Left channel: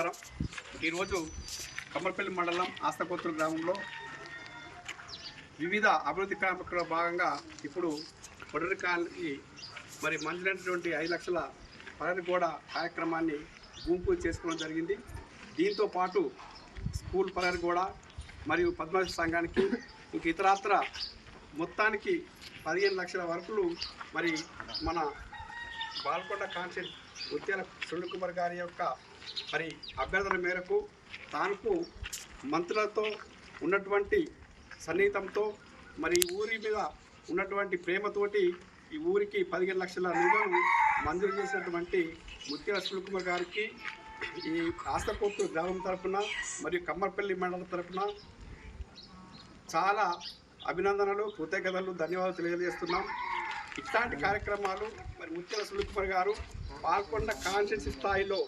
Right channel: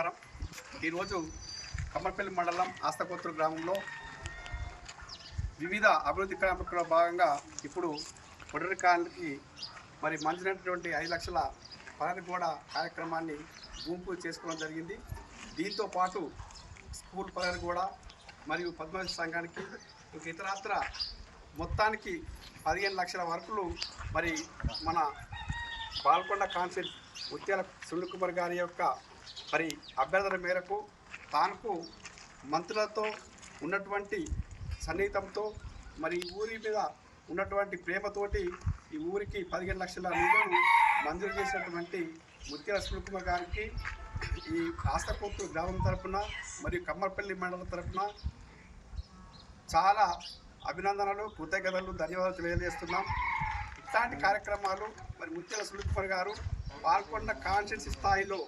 నమస్కారం. ఈరోజు కమ్మర్పల్లి మండలం ఆస్తకోతుల గ్రామంలో వివిధ అభివృద్ధి కార్యక్రమాల్లో భాగంగా ఇప్పుడు పొడరికాలకి మరి మంచినటువంటి 5 లక్షల ప్రహరీ గోడ కార్యక్రమాన్ని భూమి పూజ చేసుకోవడం జరిగింది. దీంతో పాటు స్కూల్ ప్రహరీ గోడ మరియు పద్మశాలి సంఘానికి ఇంక ఇతరత్ర మొత్తానికి 15 లక్షల వరకులు మరి మన బాల్కొండ కాన్సెల్ ముత్యాల సునీల్ కుమార్ గారి యొక్క మరి అభ్యర్థన మేరకు తానుకు మంత్రులతో ఉన్నటువంటి సన్నిహితంతో మరి ఊరి మీద ఉన్నటువంటి ప్రేమతోటి ఈ ఊరికి 15 లక్షల నిధులను మంజూరు చేసినటువంటి ముత్యాల సునీల్ కుమార్ గారికి ఈ ఆస్తకోతు గ్రామం తరఫున మరియు కమ్మర్పల్లి మండలం తరఫున చాలా అభినందనలు, కృతజ్ఞతలు, ధన్యవాదాలు తెలియజేస్తున్నాం. ఇట్లాంటి కార్యక్రమాలు మరి ముత్యాల సునీల్ కుమార్ గారు పాల్కొండ కాన్స్టిట్యున్సీ స్థాయిలో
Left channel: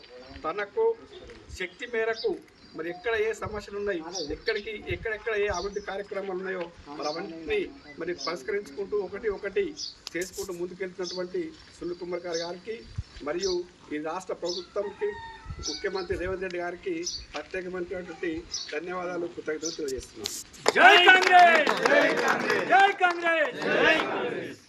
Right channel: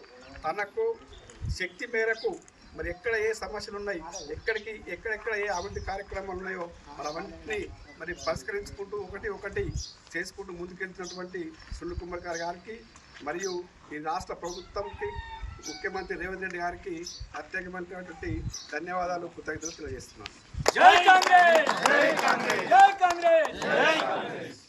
తనకు శక్తి మేరకు మరి ఎక్కడ ఏ సమస్యలు ఉన్నాయి, ఎక్కడెక్కడ ఏ అభివృద్ధి కార్యక్రమాలు ఉన్నాయో మరి అవన్నీ మరి పరిష్కరించుకుంటూ ఒకటి చేసుకుంటూ ముందుకెళ్తున్నటువంటి సునీల్ కుమార్ గారికి మరియు ఈ రాష్ట్ర ప్రభుత్వంకి ముఖ్యమంత్రి రేవంత్ రెడ్డి గారికి ప్రత్యేకమైనటువంటి ధన్యవాదాలు, కృతజ్ఞతలు తెలియజేస్తున్నాను. జై కాంగ్రెస్, జై కాంగ్రెస్, జై కాంగ్రెస్.